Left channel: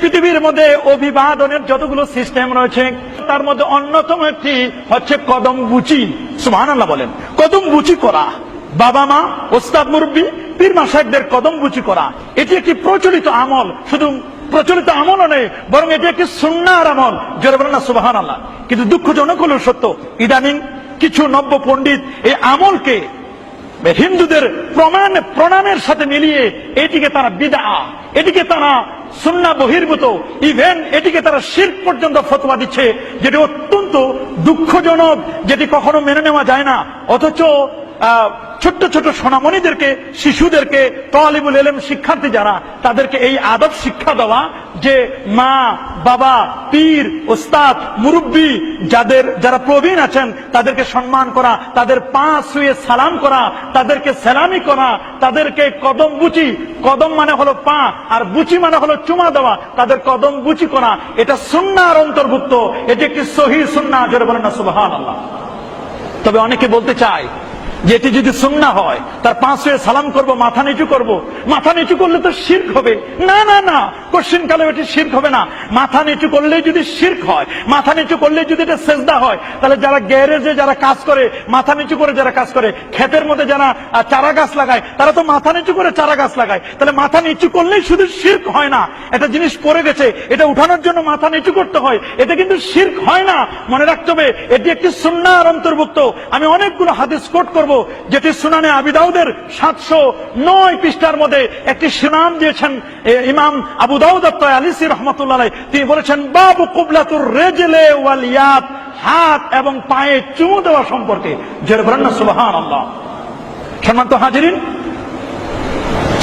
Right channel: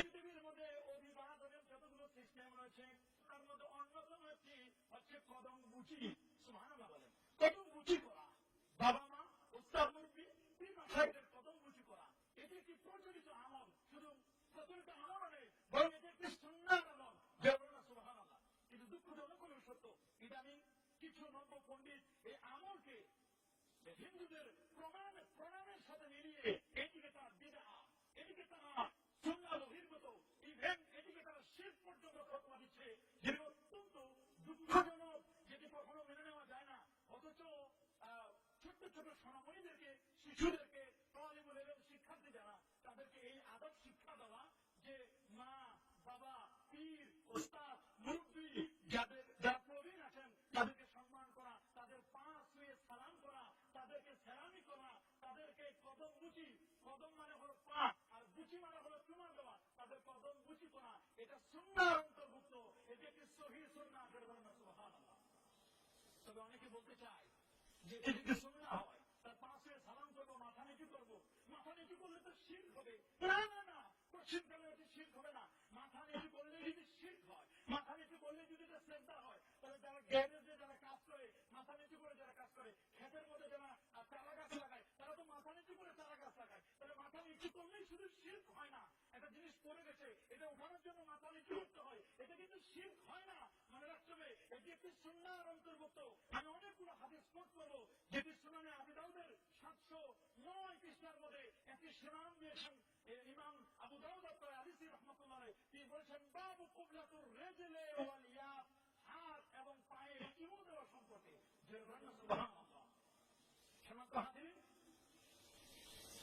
পৃথিবীর মধ্যে অভিবাদনের যতগুলো সিস্টেম রয়েছে তার মধ্যে অন্যতম একটি হচ্ছে কদম বুচি। সুবহানাল্লাহ বলেন। কদম বুচি করা, বাবা মা, ওস্তাদ মুরব্বী, পীর মাশায়েখদের কদম বুচি করা, এটি একটি প্রচলিত আমল। শুধু প্রচলিত আমলও নেই, বরং এটি একটি সুন্নাহর আমল। জোরে বলেন না সুবহানাল্লাহ। কিন্তু দুঃখজনক হলো সত্য, ইদানিং কিছু নব্য পণ্ডিত এই আমলকে হিন্দুদের প্রণামের সাথে মিলিয়ে এটিকে তারা বিদআ, এটিকে তারা সুন্নাহ বহির্ভূত, ইভেন এটিকে তারা শিরক পর্যন্ত ফতোয়া দিচ্ছে, যেটি অত্যন্ত দুঃখজনক, যেটি কখনো মেনে নেওয়া যায় না। অথচ ছোট্ট ছোট সোনামণিদেরকে, শিশুদেরকে, তালিবুল ইলম শিক্ষার্থী যারা, তাদেরকে এই আদব শিক্ষা দেওয়া যে মা, বাবা, পীর, ওস্তাদ, মুরব্বী যারা প্রবীণ আছেন তাদেরকে সম্মান করা, তাদের পা ছুঁয়ে সালাম করা, তাদেরকে সালামি করা, তাদেরকে কদম বুচি, কদম মানে হলো পা আর বুচি মানে হলো চুমা দেওয়া, তাদের কদম বুচি করা, এটা সুন্নাহর অন্তর্ভুক্ত। এটি একটি সহিহ সুন্নাহ। জোরে বলেন না সুবহানাল্লাহ। তবে অনেকে বলতে চায় যে এটি যদি সুন্নাহ হয়, তার পা ছুঁয়ে সালাম করব, মাথা নিচু করব, মাথা নিচু করলে তো শিরক হবে। না না না, কোশ্চিন কালে এটি শিরক হবে না। মাথা নিচু করলেই যদি শিরক হয়, মাথা নিচু করলেই যদি এটা সেজদা হয়, তাহলে যারা গ্যারেজে যারা কাজ করে, মাথা নিচু করে যারা কাজ করে, ক্ষেতের মধ্যে যারা চারা গাছ লাগায়, তারা তো মাথা নিচু করে চারা গাছ লাগায়। তাহলে মাথা নিচু করলেই শুধু শিরক হয় না, একটা জিনিস পড়ে গেছে, এটা উঠানোর জন্য মাথা নিচু করতে হয়, এটা কিন্তু শিরক হয় না। মনে রাখতে হবে এটি একটি সুন্নাহর অন্তর্ভুক্ত। আমি অনেকগুলো হাদিস কোট করব, যেটি সুনানে আবি দাউদের 709 পৃষ্ঠার মধ্যে একটি সুনাম দিয়েছেন ইমাম আবু দাউদ আত-তায়ালিসি রাহমাতুল্লাহ আলাইহি। তিনি বলেছেন বাবু কুবলাতুর রিজলি ওয়াল ইয়াদ, হাত এবং পায়ে চুমু দেওয়া সম্পর্কে। জোরে বলেন না সুবহানাল্লাহ। সম্মানিত হাজিরিন,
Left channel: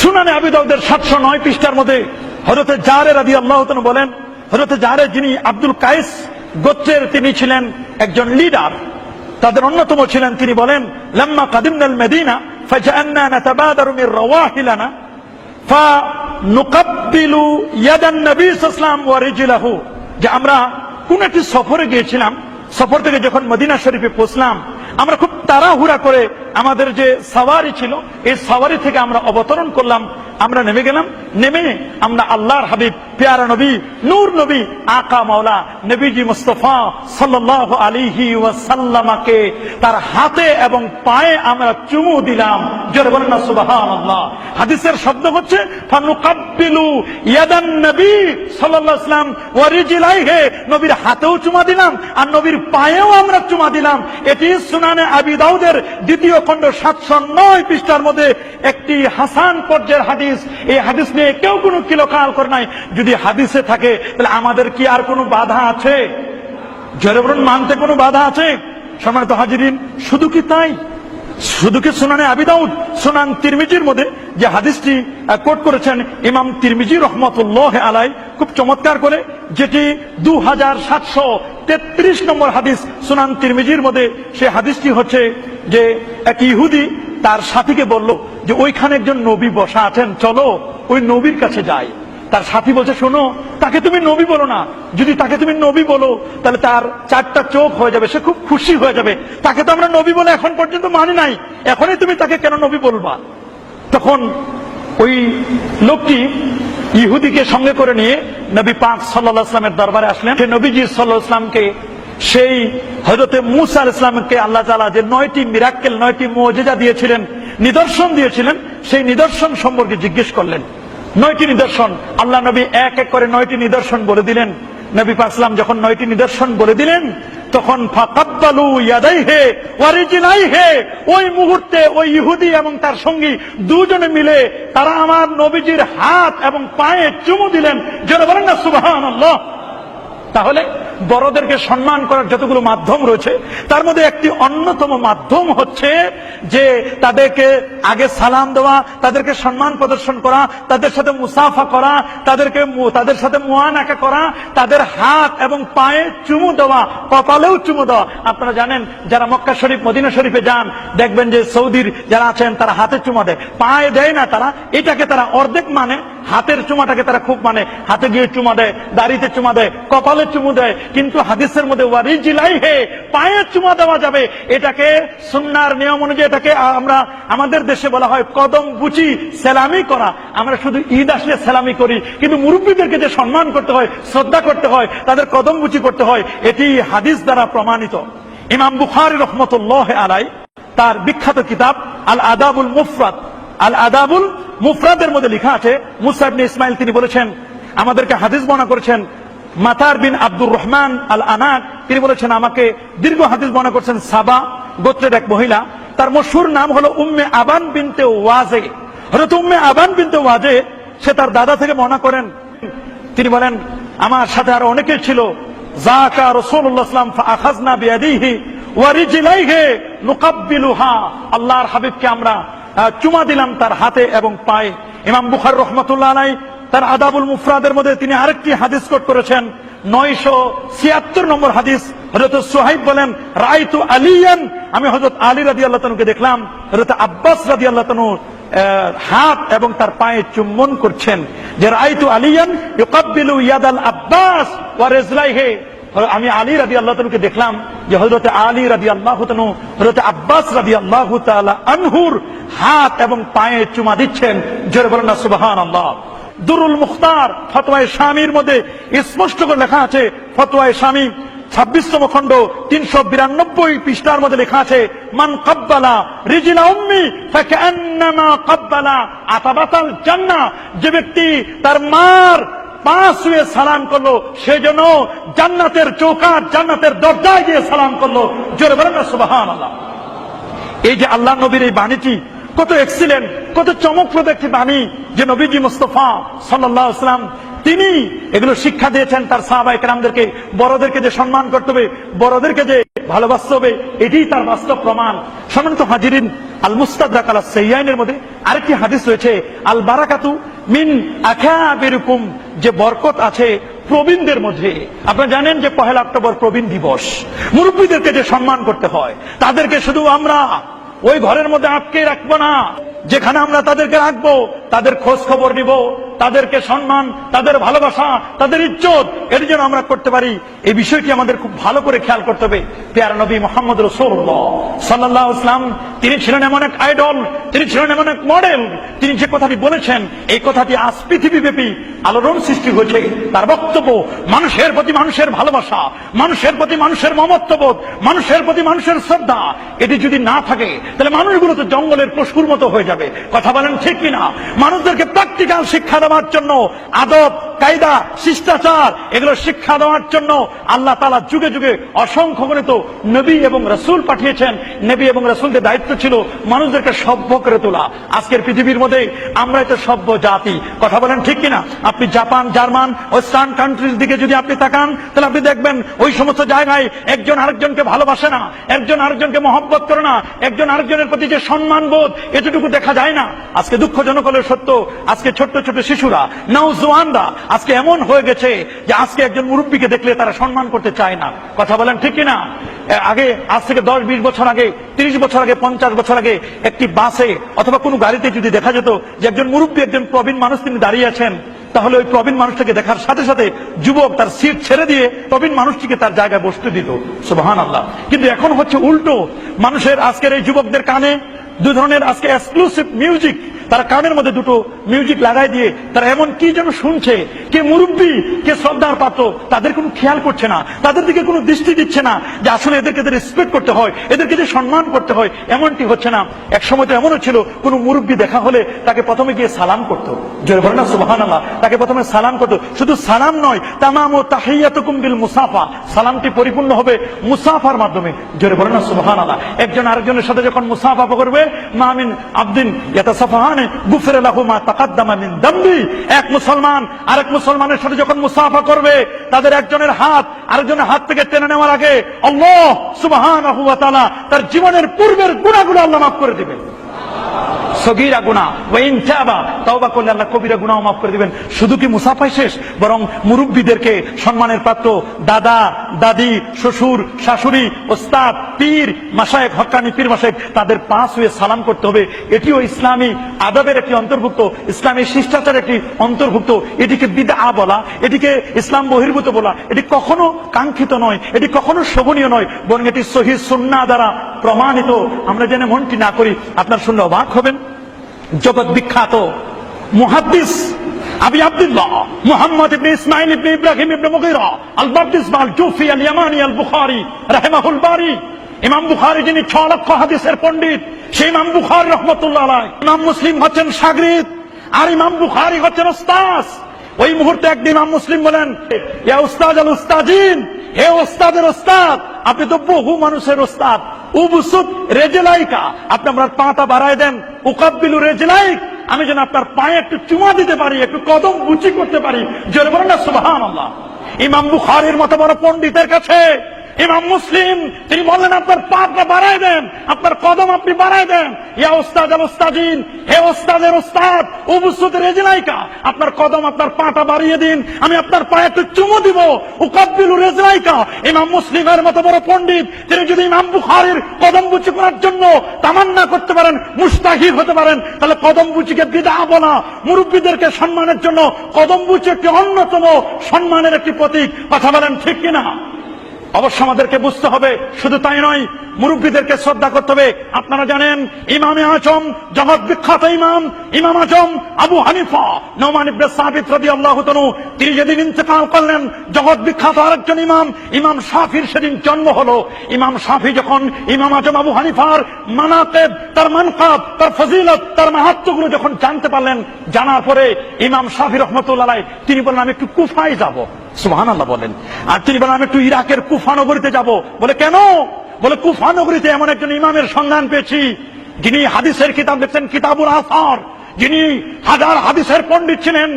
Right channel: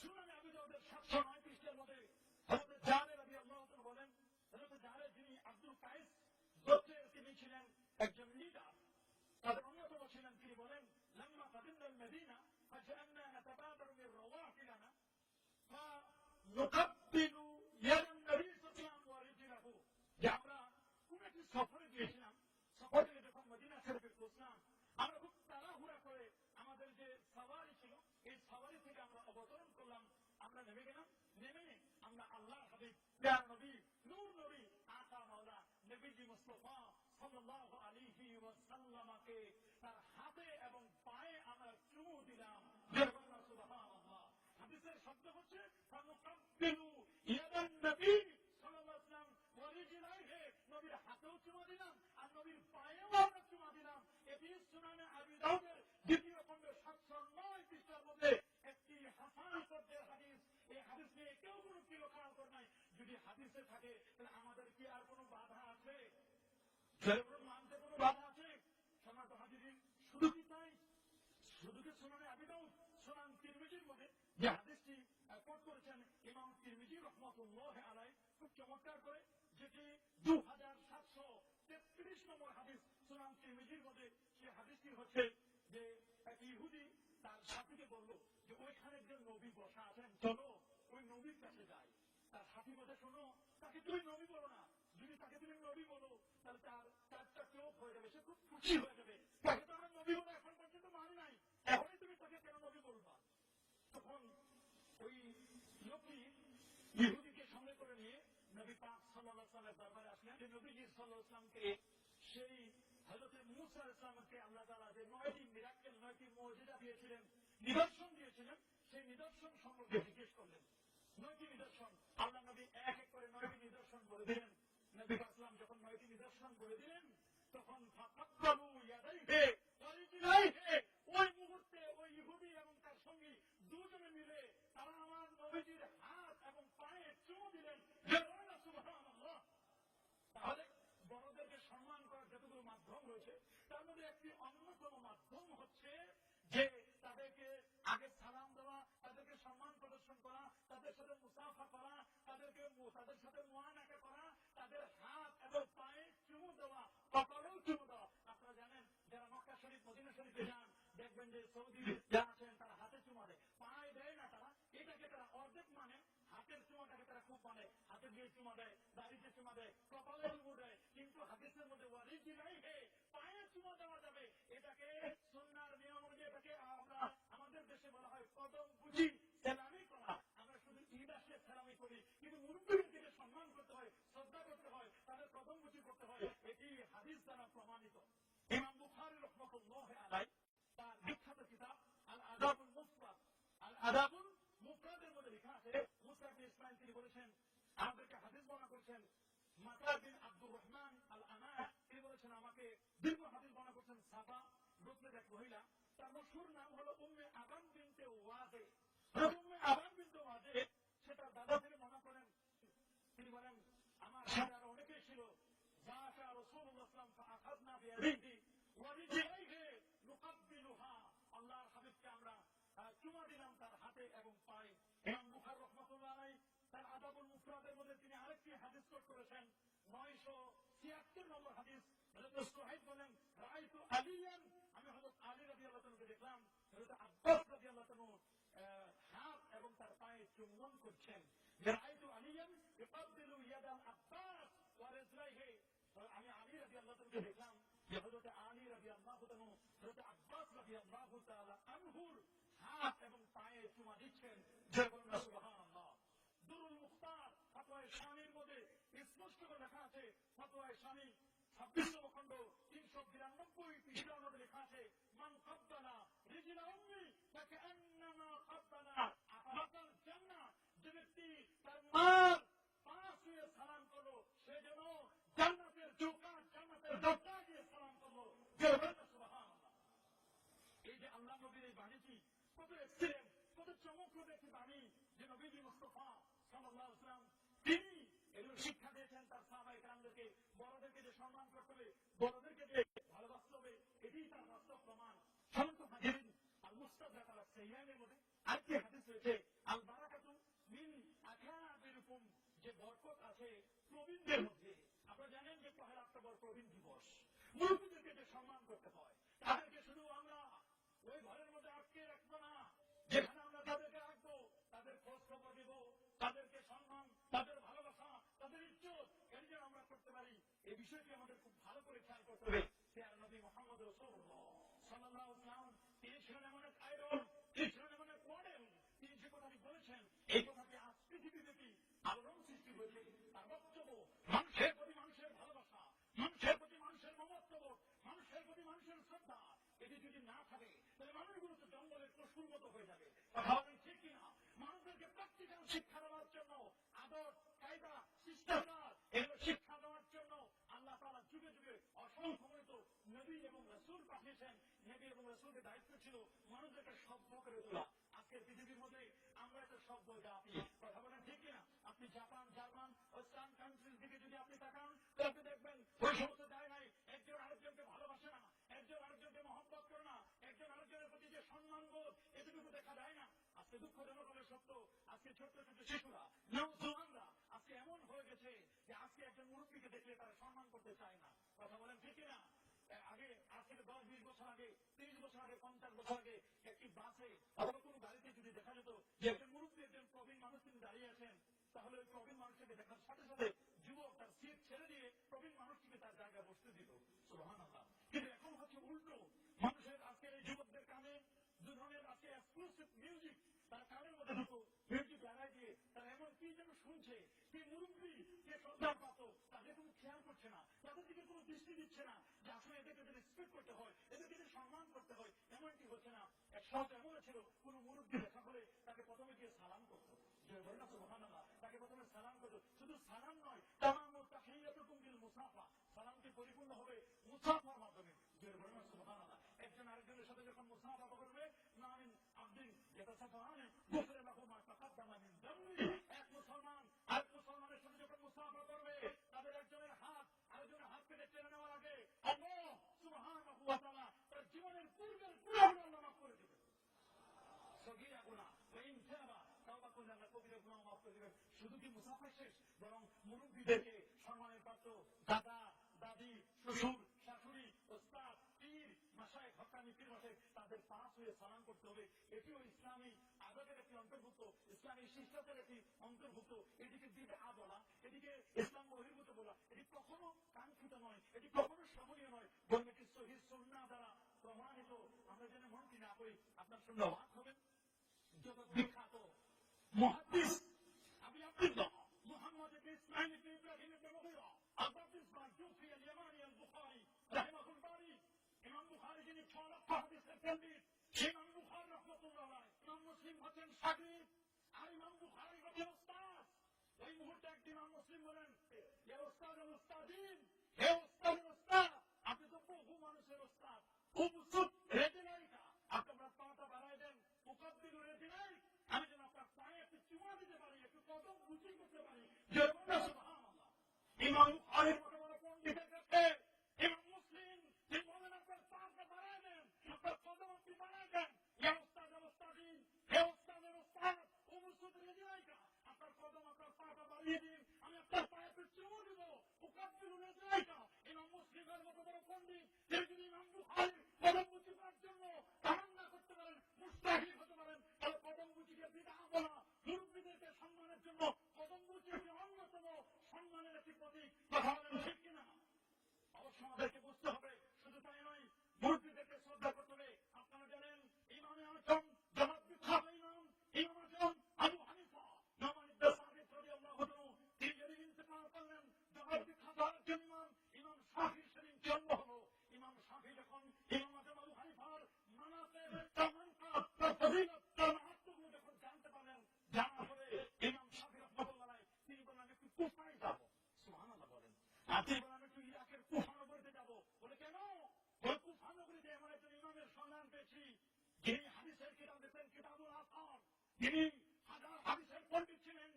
সুনানে আবি দাউদের 709 পৃষ্ঠার মধ্যে হযরতে জারের রাদিয়াল্লাহু তাআলা বলেন, হযরতে জারের যিনি আব্দুল কায়েস গোত্রের তিনি ছিলেন একজন লিডার, তাদের অন্যতম ছিলেন। তিনি বলেন লাম্মা কাদিমনাল মদিনা ফাজাআন্না নাতাবাদারু মির রাওয়াহিলানা ফানুকাব্বিলু ইয়াদান নবী সাল্লাল্লাহু আলাইহি ওয়াসাল্লাম ওয়া রিজলাহু, যে আমরা কোন একটি সফরে গিয়েছিলাম, সফর থেকে যখন মদিনা শরীফে পৌঁছলাম, আমরা খুব তাড়াহুড়া করে আমাদের যে সাওয়ারি ছিল এই সাওয়ারি থেকে আমরা অবতরণ করলাম, আমরা নেমে গেলাম। নেমে আমরা আল্লাহর হাবিব, প্যারা নবী, নূর নবী, আকা মাওলা নবীজি মুস্তাফা সাল্লাল্লাহু আলাইহি ওয়াসাল্লামকে তার হাতে এবং পায়ে আমরা চুমু দিলাম। জোরে বলেন না সুবহানাল্লাহ। হাদিসের শব্দ হচ্ছে ফানুকাব্বিলু ইয়াদান নবী সাল্লাল্লাহু আলাইহি ওয়াসাল্লাম ওয়া রিজলাইহি, নবীর হাতেও চুমা দিলাম আর নবীর পায়েও আমরা চুমা দিলাম। এটি সুনানে আবি দাউদের দ্বিতীয় খণ্ড 709 পৃষ্ঠার মধ্যে একটি হাসান পর্যায়ের হাদিস। এই হাদিস নিয়ে কেউ কোনো কিলকাল করে নাই। যদি হাদিসে থাকে তাহলে আমাদের কি আর কোনো বাধা আছে? জোরে বলুন, মানতে কোনো বাধা আছে? সম্মানিত হাজিরিন, শুধু কি তাই? শুধু কি সুনানে আবি দাউদ, সুনান তিরমিজির মধ্যে যে হাদিসটি কোট করেছেন ইমাম তিরমিজি রহমাতুল্লাহ আলাইহি খুব চমৎকার করে, যেটি 2733 নম্বর হাদিস সুনান তিরমিজির মধ্যে, সেই হাদিসটি হচ্ছে যে এক ইহুদি তার সাথীকে বলল যে ওইখানে একজন নবী বসা আছেন, চলো ওই নবীর কাছে যাই। তার সাথী বলছে শোনো, তাকে তুমি নবী বলো না, যদি তাকে তুমি নবী বলো তাহলে তার 4টা চোখ হয়ে যাবে, সে খুব খুশি হয়ে যাবে। তাকে তো আমরা নবী বলে এখন পর্যন্ত মানি নাই, এখনই তুমি তাকে কেন নবী বলবা? তখন ওই লোকটি ইহুদিকে সঙ্গে করে নিয়ে নবী পাক সাল্লাল্লাহু আলাইহি ওয়াসাল্লামের দরবারে আসলেন। সে নবীজি সাল্লাল্লাহু আলাইহি ওয়াসাল্লামকে সেই হযরতে মূসা আলাইহিস সালামকে আল্লাহ তাআলা যে 9টি মিরাক্কেল, 9টি মুজিজা দিয়েছিলেন, নিদর্শন দিয়েছিলেন, সেই নিদর্শন সম্পর্কে জিজ্ঞেস করলেন। 9টি নিদর্শন আল্লাহ নবী এক এক করে 9টি নিদর্শন বলে দিলেন। নবী পাক সাল্লাল্লাহু আলাইহি ওয়াসাল্লাম যখন 9টি নিদর্শন বলে দিলেন, তখন ফাকাব্বালু ইয়াদাইহি ওয়া রিজলাইহি, ওই মুহূর্তে ওই ইহুদি এবং তার সঙ্গী দুজনে মিলে তারা আমার নবীজির হাত এবং পায়ে চুমু দিলেন। জোরে বলেন না সুবহানাল্লাহ। তাহলে বড়দেরকে সম্মান করার যতগুলো মাধ্যম রয়েছে তার মধ্যে একটি অন্যতম মাধ্যম হচ্ছে যে তাদেরকে আগে সালাম দেওয়া, তাদেরকে সম্মান প্রদর্শন করা, তাদের সাথে মুসাফা করা, তাদের সাথে মুআনাকা করা, তাদের হাত এবং পায়ে চুমু দেওয়া, কপালেও চুমু দেওয়া। আপনারা জানেন যারা মক্কা শরীফ, মদিনা শরীফে যান, দেখবেন যে সৌদির যারা আছেন তারা হাতে চুমা দেয়, পায়ে দেয় না। তারা এটাকে তারা অর্ধেক মানে, হাতের চুমাটাকে তারা খুব মানে, হাতে গিয়ে চুমা দেয়, দাড়িতে চুমা দেয়, কপালে চুমু দেয়, কিন্তু হাদিসের মধ্যে ওয়ারিজিলাই হে, পায়ে চুমা দেওয়া যাবে, এটাকে সুন্নাহর নিয়ম অনুযায়ী এটাকে আমরা আমাদের দেশে বলা হয় কদম বুচি, সেলামি করা। আমরা শুধু ঈদ আসলে সেলামি করি, কিন্তু মুরব্বীদেরকে যে সম্মান করতে হয়, শ্রদ্ধা করতে হয়, তাদের কদম বুচি করতে হয়, এটি হাদিস দ্বারা প্রমাণিত। ইমাম বুখারী রাহমাতুল্লাহ আলাইহি তার বিখ্যাত কিতাব আল আদাবুল মুফরাদ, আল আদাবুল মুফরাদের মধ্যে লেখা আছে, মুসা ইবনে ইসমাইল তিনি বলেছেন, আমাদেরকে হাদিস বর্ণনা করেছেন মাতার বিন আব্দুর রহমান আল আনাক, তিনি বলেছেন আমাকে দীর্ঘ হাদিস বর্ণনা করেছেন সাবা গোত্রের এক মহিলা, তার মশহুর নাম হলো উম্মে আবান বিনতে ওয়াজে। হযরত উম্মে আবান বিনতে ওয়াজে, সে তার দাদা থেকে বর্ণনা করেন, তিনি বলেন আমার সাথে আরো অনেকে ছিল, যাকা রাসূলুল্লাহ সাল্লাল্লাহু আলাইহি ওয়াসাল্লাম ফাআখাযনা বিয়াদিহি ওয়া রিজলাইহি নুকাব্বিলুহা, আল্লাহর হাবিবকে আমরা চুমা দিলাম তার হাতে এবং পায়ে। ইমাম বুখারী রাহমাতুল্লাহ আলাইহি তার আদাবুল মুফরাদের মধ্যে তিনি আরেকটি হাদিস কোট করেছেন, 976 নম্বর হাদিস। হযরত সুহাইব বলেন রাআইতু আলিয়ান, আমি হযরত আলী রাদিয়াল্লাহু তাআলাকে দেখলাম হযরত আব্বাস রাদিয়াল্লাহু তাআলা হাত এবং তার পায়ে চুম্বন করছেন, যে রাআইতু আলিয়ান ইউকাব্বিলু ইয়াদাল আব্বাস ওয়া রিজলাইহি, আমি আলী রাদিয়াল্লাহু তাআলাকে দেখলাম যে হযরত আলী রাদিয়াল্লাহু তাআলা হযরত আব্বাস রাদিয়াল্লাহু তাআলা আনহুর হাত এবং পায়ে চুমা দিচ্ছেন। জোরে বলেন না সুবহানাল্লাহ। দুরুল মুখতার ফতোয়ায়ে শামীর মধ্যে স্পষ্ট করে লেখা আছে, ফতোয়ায়ে শামী 26তম খণ্ড 392 পৃষ্ঠার মধ্যে লেখা আছে, মান কাব্বালা রিজলা উম্মি ফাকান্নামা কাব্বালা আতাবাতাল জান্নাহ, যে ব্যক্তি তার মার পা ছুঁয়ে সালাম করলো, সেজন্য জান্নাতের চৌকাঠ, জান্নাতের দরজায় গিয়ে সালাম করলো। জোরে বলেন না সুবহানাল্লাহ। এই যে আল্লাহ নবীর এই বাণীটি কত এক্সিলেন্ট, কত চমকপ্রদ একটি বাণী, যে নবীজি মুস্তাফা সাল্লাল্লাহু আলাইহি ওয়াসাল্লাম তিনি এগুলো শিক্ষা দিয়েছেন তার সাহাবায়ে কেরামদেরকে, বড়দেরকে যে সম্মান করতে হবে, বড়দেরকে যে ভালোবাসতে হবে, এটাই তার বাস্তব প্রমাণ। সম্মানিত হাজিরিন, আল মুস্তাদরাক আলা সাইয়াইনের মধ্যে আরেকটি হাদিস রয়েছে, আল বারাকাতু মিন আকাবিরকুম, যে বরকত আছে প্রবীণদের মধ্যে। আপনারা জানেন যে 1 অক্টোবর প্রবীণ দিবস, মুরব্বীদেরকে যে সম্মান করতে হয়, তাদেরকে শুধু আমরা ওই ঘরের মধ্যে আটকে রাখবো না, যেখানে আমরা তাদেরকে রাখবো, তাদের খোঁজ খবর নিব, তাদেরকে সম্মান, তাদের ভালোবাসা, তাদের ইজ্জত, এর জন্য আমরা করতে পারি, এই বিষয়টি আমাদের খুব ভালো করে খেয়াল করতে হবে। প্যারা নবী মুহাম্মদ রাসূলুল্লাহ সাল্লাল্লাহু আলাইহি ওয়াসাল্লাম, তিনি ছিলেন এমন এক আইডল, তিনি ছিলেন এমন এক মডেল, তিনি যে কথাটি বলেছেন, এই কথাটি আজ পৃথিবীব্যাপী আলোড়ন সৃষ্টি হয়েছে। তার বক্তব্য মানুষের প্রতি মানুষের ভালোবাসা, মানুষের প্রতি মানুষের মমত্ববোধ, মানুষের প্রতি মানুষের শ্রদ্ধা, এটি যদি না থাকে তাহলে মানুষগুলো তো জঙ্গলের পশুর মতো হয়ে যাবে। কথা বলেন ঠিক কিনা? মানুষদেরকে প্র্যাকটিক্যাল শিক্ষা দেওয়ার জন্য, আদব কায়দা শিষ্টাচার এগুলো শিক্ষা দেওয়ার জন্য আল্লাহ তাআলা যুগে যুগে অসংখ্য গণিত নবী এবং রাসূল পাঠিয়েছেন। নবী এবং রাসূলদের দায়িত্ব ছিল মানুষদেরকে সভ্য করে তোলা। আজকের পৃথিবীর মধ্যে আমরা তো সভ্য জাতি। কথা বলেন ঠিক কিনা? আপনি জাপান, জার্মান, ওয়েস্টার্ন কান্ট্রির দিকে যদি আপনি তাকান, তাহলে আপনি দেখবেন ওই সমস্ত জায়গায় একজন আরেকজনকে ভালোবাসে না, একজন আরেকজনকে মহব্বত করে না, একজন আরেকজনের প্রতি যে সম্মান বোধ, এতটুকু দেখা যায় না। আজকে দুঃখজনক হলে সত্য, আজকে ছোট্ট ছোট শিশুরা, নওজওয়ানরা আজকে এমন হয়ে গেছে যে আজকে একজন মুরব্বীকে দেখলে তারা সম্মান করতে চায় না। কথা বলেন ঠিক কিনা? আগে, আজ থেকে 10-20 বছর আগে, 30 বছর আগে, 50 বছর আগে একটি বাসে অথবা কোনো গাড়িতে যদি দেখা যেত যে একজন মুরব্বী, একজন প্রবীণ মানুষ তিনি দাঁড়িয়ে আছেন, তাহলে ওই প্রবীণ মানুষটাকে দেখার সাথে সাথে যুবক তার সিট ছেড়ে দিয়ে প্রবীণ মানুষটিকে তার জায়গায় বসতে দিত। সুবহানাল্লাহ। কিন্তু এখন হচ্ছে উল্টো। মানুষের আজকের এই যুবকদের কানে দুই ধরনের আজকে এক্সক্লুসিভ মিউজিক, তারা কানের মধ্যে দুটো মিউজিক লাগাই দিয়ে তারা এমন কি যেন শুনছে, কে মুরব্বী কে শ্রদ্ধার পাত্র তাদের কোনো খেয়াল করছে না, তাদের দিকে কোনো দৃষ্টি দিচ্ছে না যে আসলে এদেরকে রেসপেক্ট করতে হয়, এদেরকে যে সম্মান করতে হয়, এমনটি হচ্ছে না। এক সময় তো এমনও ছিল, কোনো মুরব্বী দেখা হলে তাকে প্রথমে গিয়ে সালাম করতো। জোরে বলেন না সুবহানাল্লাহ। তাকে প্রথমে সালাম করতো। শুধু সালাম নয়, তামামু তাহিয়াতুকুম বিল মুসাফা, সালামটি পরিপূর্ণ হবে মুসাফার মাধ্যমে। জোরে বলেন না সুবহানাল্লাহ। একজন আরেকজনের সাথে যখন মুসাফা করবে, মা মিন আবদিন ইয়াতাসাফাহানে গুফিরা লাহু মা তাকাদ্দামা মিন দামবি, এক মুসলমান আরেক মুসলমানের সাথে যখন মুসাফা করবে, তাদের একজনের হাত আরেকজনের হাত থেকে টেনে নেওয়ার আগে আল্লাহ সুবহানাহু ওয়া তাআলা তার জীবনের পূর্বের গুনাহগুলো আল্লাহ মাফ করে দিবেন। সগীরা গুনাহ ওয়া ইন তাবা, তওবা করলে আল্লাহ কবিরা গুনাহ মাফ করে দিবেন। শুধু কি মুসাফাই শেষ, বরং মুরব্বীদেরকে সম্মানের পাত্র দাদা দাদি শ্বশুর শাশুড়ি ওস্তাদ পীর মাশায়েখ হক্কানি পীর মাশায়েখ তাদের পা ছুঁয়ে সালাম করতে হবে। এটিও ইসলামী আদবের একটি অন্তর্ভুক্ত, ইসলামী শিষ্টাচারের একটি অন্তর্ভুক্ত। এটিকে বিদআ বলা, এটিকে ইসলাম বহির্ভূত বলা, এটি কখনো কাঙ্ক্ষিত নয়, এটি কখনো শোভনীয় নয়, বরং এটি সহিহ সুন্নাহ দ্বারা প্রমাণিত। আমরা যেন মনটি না করি। আপনার শুনলে অবাক হবেন, জগৎ বিখ্যাত মুহাদ্দিস আবি আব্দুল্লাহ মুহাম্মদ ইবনে ইসমাঈল ইবনে ইব্রাহিম ইবনে মুগীরা আল বাপ্তিস্ম আল জুফি আল ইয়ামানি আল বুখারী রাহিমাহুল বারী, ইমাম বুখারী যিনি 6 লক্ষ হাদিসের পণ্ডিত, সেই ইমাম বুখারী রাহমাতুল্লাহ আলাইহি। ইমাম মুসলিম হচ্ছেন শাগরিদ আর ইমাম বুখারী হচ্ছেন ওস্তাদ। ওই মুহূর্তে একদিন ইমাম মুসলিম বলেন, ইয়া উস্তাদ আল উস্তাদিন, হে ওস্তাদের ওস্তাদ, আপনি তো বহু মানুষের ওস্তাদ। উবসুত রেজলাইকা, আপনি আপনার পাটা বাড়ায় দেন। উকাব্বিলু রেজলাইক, আমি যেন আপনার পায়ে একটু চুমা দিতে পারি, একটু কদম বুচি করতে পারি। জোরে বলেন না সুবহানাল্লাহ। ইমাম বুখারীর মতো বড় পণ্ডিতের কাছে ইমাম মুসলিম তিনি বললেন, আপনার পাটা বাড়ায় দেন, আপনার কদম আপনি বাড়ায় দেন। ইয়া উস্তাদ আল উস্তাদিন, হে ওস্তাদের ওস্তাদ, উবসুত রেজলাইকা, আপনার কদম আপনার পাটা বাড়িয়ে দিন, আমি আপনার পায়ে একটু চুমু দিব। উকাব্বিলু রেজলাইকা, ইমাম মুসলিমের মতো বড় পণ্ডিত তিনি যদি ইমাম বুখারীর কদম বুচি করার জন্য তামান্না করতে পারেন, মুস্তাহিদ হতে পারেন, তাহলে কদম বুচিকে বিদআ বলা, মুরব্বীদেরকে সম্মানের জন্য কদম বুচি একটি অন্যতম সম্মানের একটি প্রতীক। কথা বলেন ঠিক কিনা? অবশ্য আমাদেরকে বুঝতে হবে, শুধু তাই নয়, মুরব্বীদেরকে শ্রদ্ধা করতে হবে। আপনারা জানেন ইমামে আজম, জগৎ বিখ্যাত ইমাম আজম আবু হানিফা নোমান ইবনে সাবিত রাদিয়াল্লাহু তাআলা, তিনি যেদিন ইন্তেকাল করলেন, জগৎ বিখ্যাত আরেকজন ইমাম শাফির সেদিন জন্ম হলো। ইমাম শাফি যখন ইমাম আজম আবু হানিফার মানাকিব, তার মানকাব, তার ফজিলত, তার মাহাত্ম্যগুলো যখন জানতে পারলেন, জানার পরে ইমাম শাফি রাহমাতুল্লাহ আলাইহি তিনি বললেন, আমি একটু কুফায় যাব। সুবহানাল্লাহ বলেন। আর তিনি বলেন, আমি একটু ইরাকের কুফা নগরীতে যাব। বলে কেন? বলে কুফা নগরীতে এমন একজন ইমামের সন্ধান পেয়েছি, যিনি হাদিসের কিতাব লিখছেন, কিতাবুল আসার, যিনি হাজার হাদিসের পণ্ডিত ছিলেন,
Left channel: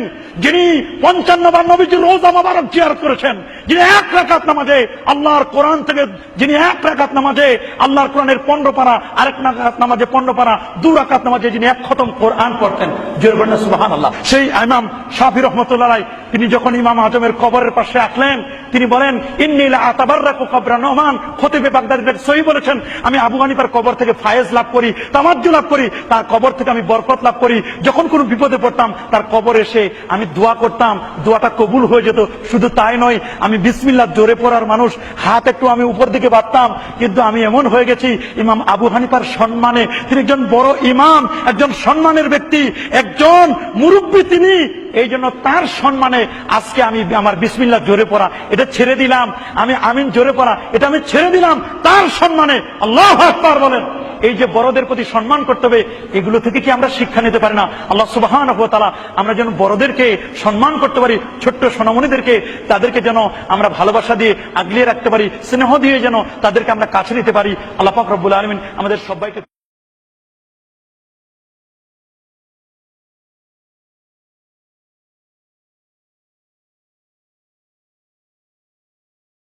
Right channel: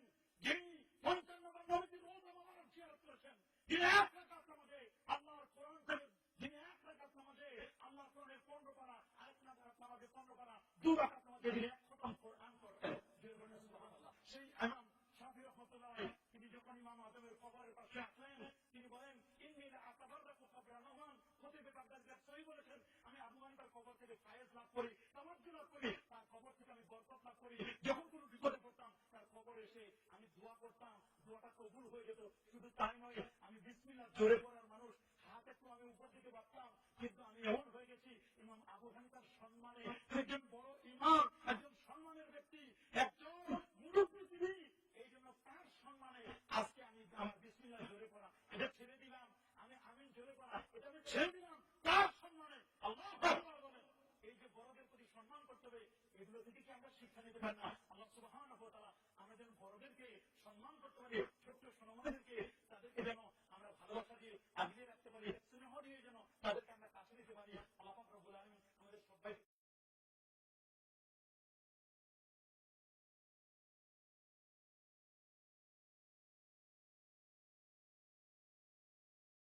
যিনি 55 বার নবীজির রওজা মোবারক জিয়ারত করেছেন, যিনি এক রাকাত নামাজে আল্লাহর কোরআন থেকে, যিনি এক রাকাত নামাজে আল্লাহর কোরআনের 15 পারা, আরেক রাকাত নামাজে 15 পারা, 2 রাকাত নামাজে যিনি এক খতম কোরআন পড়তেন। জোরে বলেন সুবহানাল্লাহ। সেই ইমাম শাফি রাহমাতুল্লাহ আলাইহি তিনি যখন ইমাম আজমের কবরের পাশে আসলেন, তিনি বলেন, ইন্নী লা আতাবাররাকু কবরা নোমান, খতিবে বাগদাদী সহিহ বলেছেন, আমি আবু হানিফার কবর থেকে ফায়েজ লাভ করি, তামাজ্জু লাভ করি, তার কবর থেকে আমি বরকত লাভ করি। যখন কোনো বিপদে পড়তাম তার কবর এসে আমি দোয়া করতাম, দোয়াটা কবুল হয়ে যেত। শুধু তাই নয়, আমি বিসমিল্লাহ জোরে পড়ার মানুষ, হাত একটু আমি উপর দিকে বাড়তাম, কিন্তু আমি এমন হয়ে গেছি ইমাম আবু হানিফার সম্মানে, তিনি একজন বড় ইমাম, একজন সম্মানের ব্যক্তি, একজন মুরব্বী তিনি, এই জন্য তার সম্মানে আজকে আমি আমার বিসমিল্লাহ জোরে পড়া এটা ছেড়ে দিলাম, আমি আমিন জোরে পড়া এটা আমি ছেড়ে দিলাম তার সম্মানে। আল্লাহু আকবার বলেন। এই যে বড়দের প্রতি সম্মান করতে হবে, এগুলো থেকে কি আমরা শিক্ষা নিতে পারি না? আল্লাহ সুবহানাহু ওয়া তাআলা আমরা যেন বড়দেরকে সম্মান করতে পারি, ছোট্ট সোনামণিদেরকে তাদেরকে যেন আমরা ভালোবাসা দিয়ে আগলিয়ে রাখতে পারি, স্নেহ দিয়ে যেন তাদেরকে আমরা কাছে নিতে পারি। আল্লাহ পাক রব্বুল আলামিন আমাদের সবাইকে